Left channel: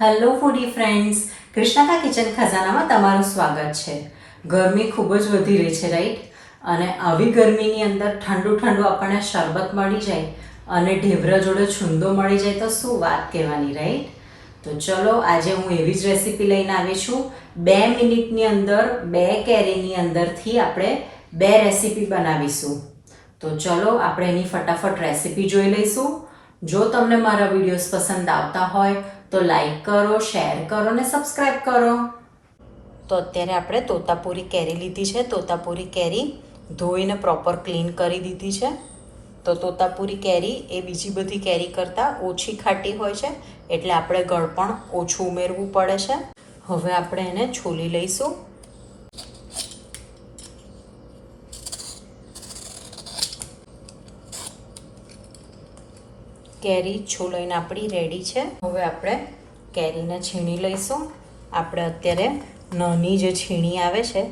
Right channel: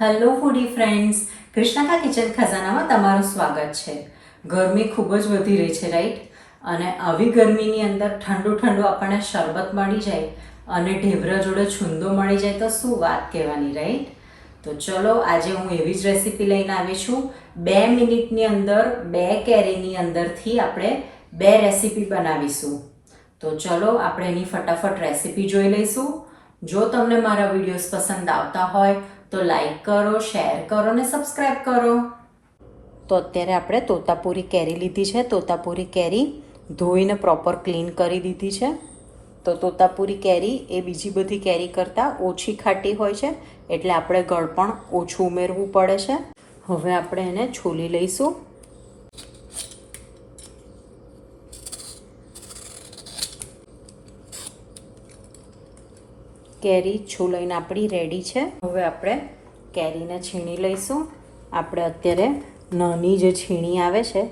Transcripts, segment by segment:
Hello ફૂડી friends, કૃષ્ણાકા kitchen ખજાનામાં તમારું સ્વાગત છે. ગરમી ખૂબ જ વધી રહી છે, રાઈટ? અને આવી ગરમીની અંદર ઠંડુ ઠંડુ આપણને શરબત મળી જાય અને ઢેબરા જોડે છુંદો મળી જાય તો શું વાત કહેવાની, રાઈટ? તો ચલો, આજે હું એવી જ રેસીપી લઈને આવી છું. 2 મિનિટની અંદર 2 કેરીની અંદરથી આપણે 2 રેસીપી બનાવીશું. તો ચલો, આપણે એની ફટાફટ રેસીપી જોઈ લઈશું. જો તમને મારા વિડીયોઝ પસંદ આવતા હોય તો લાઈક કરો, શેર કરો અને સબસ્ક્રાઈબ કરો. તો અત્યારે આપણે તોતાપુરી કેરી લીધી છે. તોતાપુરી કેરી ધોઈને પ્રોપર ક્લીન કરી દીધી છે. તો તોતાપુરી કેરી એ બીજી બધી કેરી કરતાં ઓછી ખાટી હોય છે, એટલે આપણે ગળ પણ ઓછું ઉમેરવું પડે છે. હવે આપણે એને છોલી લઈશું. કેરી છોલાઈને આપણી રેડી છે. હવે આપણે કેરીને છીણી લઈશું. આપણે અત્યારે નાની જે છીણી આવે છે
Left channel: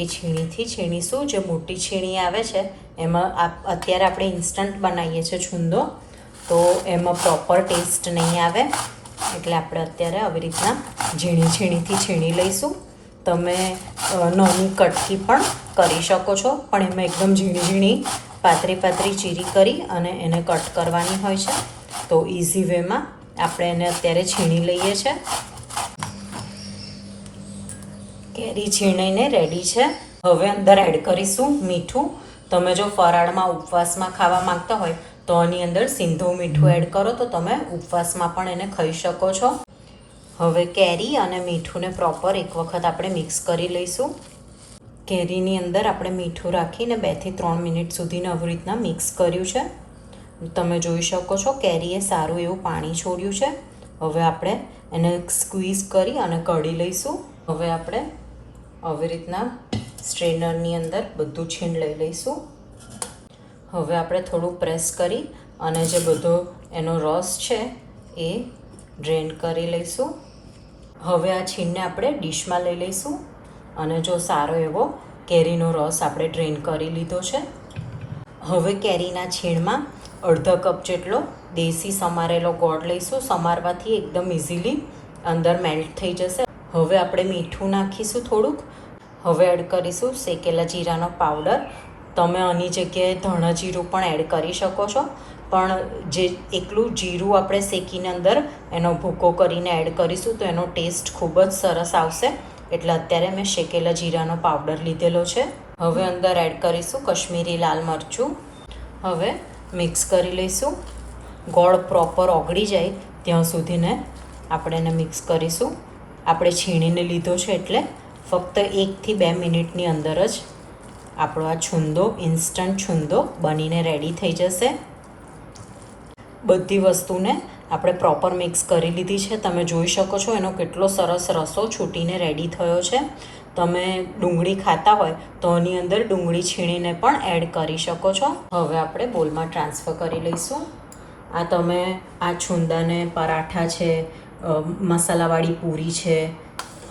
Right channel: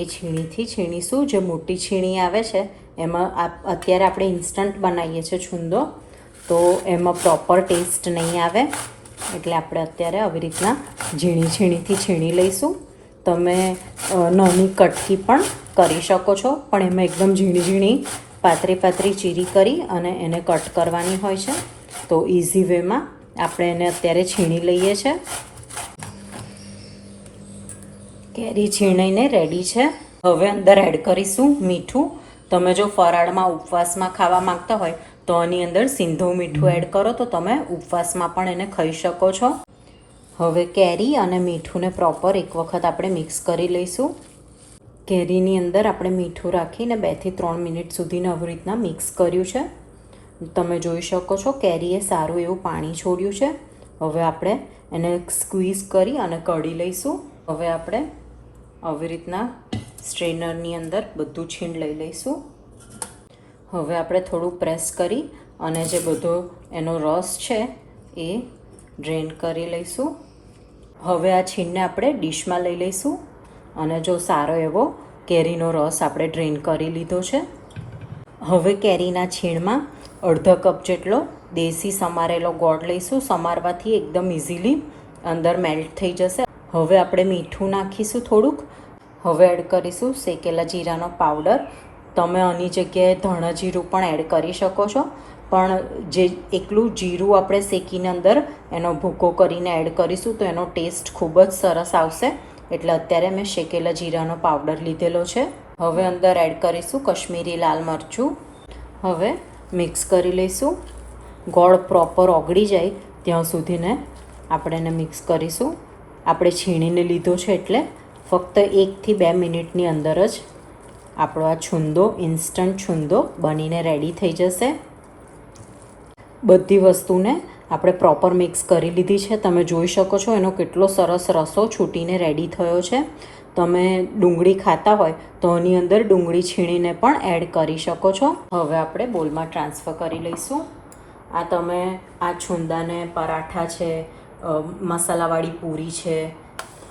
એ છીણીથી છીણીશું. જે મોટી છીણી આવે છે એમાં અત્યારે આપણે ઇન્સ્ટન્ટ બનાવીએ છીએ છુંદો, તો એમાં પ્રોપર ટેસ્ટ નહીં આવે, એટલે આપણે અત્યારે આવી રીતના ઝીણી છીણીથી છીણી લઈશું. તમે નાની કટકી પણ કરી શકો છો, પણ એમાં એકદમ ઝીણી ઝીણી પાતળી ચીરી કરી અને એને કટ કરવાની હોય છે. તો ઇઝી વેમાં આપણે એને અત્યારે છીણી લઈએ છીએ. કેરી છીણીને રેડી છે. હવે અંદર એડ કરીશું મીઠું. તમે જો ફરાળમાં ઉપવાસમાં ખાવા માંગતા હોય તો આની અંદર સિંધવ મીઠું એડ કરો, તો તમે ઉપવાસમાં પણ એને ખાઈ શકો છો. હવે કેરી અને મીઠુંને પ્રોપર એક વખત આપણે મિક્સ કરી લઈશું. કેરીની અંદર આપણે મીઠું રાખીને 2 થી 3 મિનિટ સુધીને આવી રીતના મિક્સ કર્યું છે. તમે જોઈ શકો છો કેરીએ સારું એવું પાણી છોડ્યું છે. હવે આપણે એને સ્ક્વીઝ કરી અને કઢી લઈશું. હવે આપણે આવી રીતના સ્ટ્રેનરની અંદર બધું છીણ લઈ લઈશું. હવે આપણે થોડું પ્રેસ કરી અને જે બધો એનો રસ છે એ ડ્રેન કરી લઈશું. હવે આ છીણને આપણે ડીશમાં લઈ લઈશું અને જો સારો એવો કેરીનો રસ આપણે ડ્રેન કરી લીધો છે. હવે કેરીના છીણમાં અડધો કપ જેટલો દેશી સમારેલો ગોળ લઈશું. સમારવાથી એકદમ ઇઝીલી અંદર મેલ્ટ થઈ જશે. હવે આપણે મીઠું નાખીશું થોડુંક. હવે એડ કરીશું શેકેલા જીરાનો પાવડર. તમે આની જગ્યાએ ધાણા જીરું પણ એડ કરી શકો છો, પણ જે એકલું જીરું આપણે શેકીને અંદર એનો ભૂકો કરીને એડ કરીશું તો એનો ટેસ્ટ ખૂબ જ સરસ આવશે, એટલે અત્યારે મેં શેકેલા જીરાનો પાવડર લીધેલો છે. હવે અંદર એડ કરીશું કશ્મીરી લાલ મરચું. હવે મિક્સ કરી લઈશું. ગોળ પ્રોપર ઓગળી જાય ત્યાં સુધીને આપણે એને મિક્સ કરીશું. આપણે છીણીને લીધો છે એટલે ફક્ત 1 થી 2 મિનિટની અંદર જ આપણો આ છુંદો, ઇન્સ્ટન્ટ છુંદો બનીને રેડી થઈ જશે. બધી વસ્તુને આપણે પ્રોપર મિક્સ કરી લીધી છે. તમે જોઈ શકો છો એનો કેટલો સરસ રસો છૂટીને રેડી થયો છે. તમે ડુંગળી ખાતા હોય તો આની અંદર ડુંગળી છીણીને પણ એડ કરી શકો છો. હવે આપણે બોલમાં ટ્રાન્સફર કરી લઈશું. આ તમે આ છુંદાને પરાઠા છે, મસાલાવાળી પૂરી છે,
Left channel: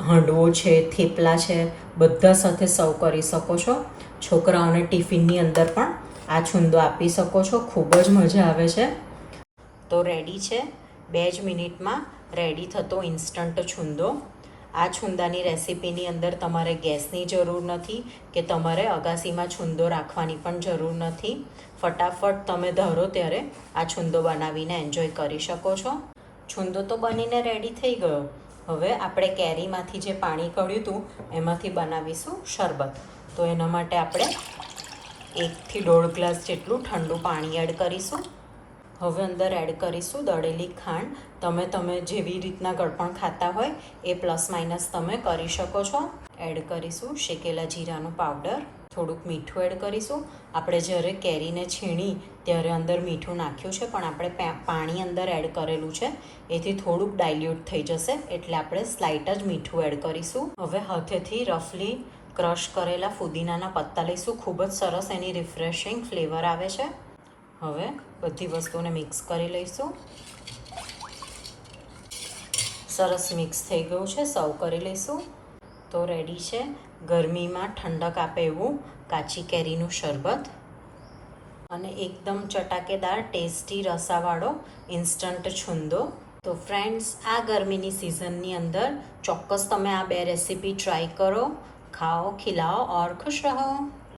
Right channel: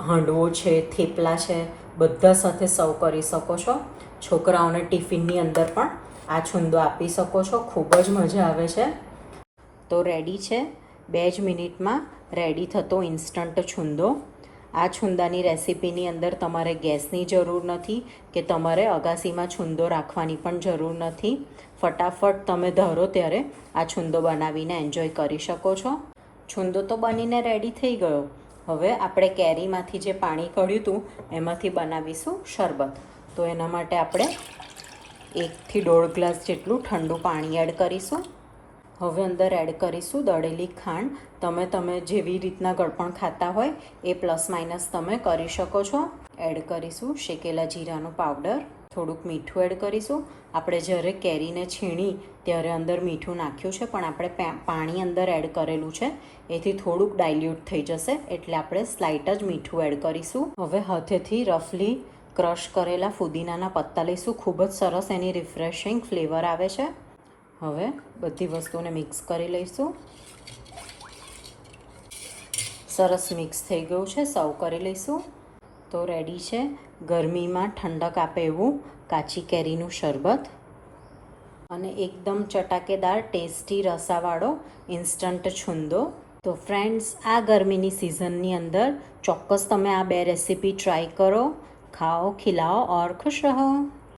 હાંડવો છે, થેપલા છે, બધા સાથે સર્વ કરી શકો છો. છોકરાઓને ટિફિનની અંદર પણ આ છુંદો આપી શકો છો. ખૂબ જ મજા આવે છે. તો રેડી છે 2 જ મિનિટમાં રેડી થતો ઇન્સ્ટન્ટ છુંદો. આ છુંદાની રેસીપીની અંદર તમારે ગેસની જરૂર નથી કે તમારે અગાસીમાં છુંદો રાખવાની પણ જરૂર નથી. ફટાફટ તમે ધારો ત્યારે આ છુંદો બનાવીને એન્જોય કરી શકો છો. છુંદો તો બનીને રેડી થઈ ગયો. હવે આપણે કેરીમાંથી જે પાણી કાઢ્યું હતું એમાંથી બનાવીશું શરબત. તો એના માટે આપણે 1 થી 1.5 ગ્લાસ જેટલું ઠંડુ પાણી એડ કરીશું. હવે અંદર એડ કરીશું દળેલી ખાંડ. તમે જેવી રીતના ગળપણ ખાતા હોય એ પ્લસ માઇનસ તમે કરી શકો છો. એડ કરીશું શેકેલા જીરાનો પાવડર. થોડુંક મીઠું એડ કરીશું. આપણે જ્યારે કેરીને છીણી ત્યારે અંદર મીઠું નાખ્યું છે, પણ આપણે પાણી અંદર એડ કરેલું છે, એથી થોડુંક ડાયલ્યુટ થઈ જશે, એટલે આપણે સ્લાઇટ જ મીઠું એડ કરીશું. હવે હાથેથી રફલી ક્રશ કરેલા ફુદીનાના પત્તા લઈશું. ખૂબ જ સરસ એની રિફ્રેશિંગ ફ્લેવર આવે છે. હવે બધી વસ્તુને મિક્સ કરી લઈશું. સરસ મિક્સ થઈ ગયું છે. સર્વ કરી લઈશું. તો રેડી છે ગરમીમાં ઠંડક આપે એવું કાચી કેરીનું શરબત અને એકદમ ચટાકેદાર ટેસ્ટી રસાવાળો ઇન્સ્ટન્ટ છુંદો. તો ફ્રેન્ડ્સ, આ ગરમીની સિઝનની અંદર ચોક્કસ તમે આ બે રેસીપી ટ્રાય કરો, ખાઓ, ખિલાઓ ઓર ખુશ રહો.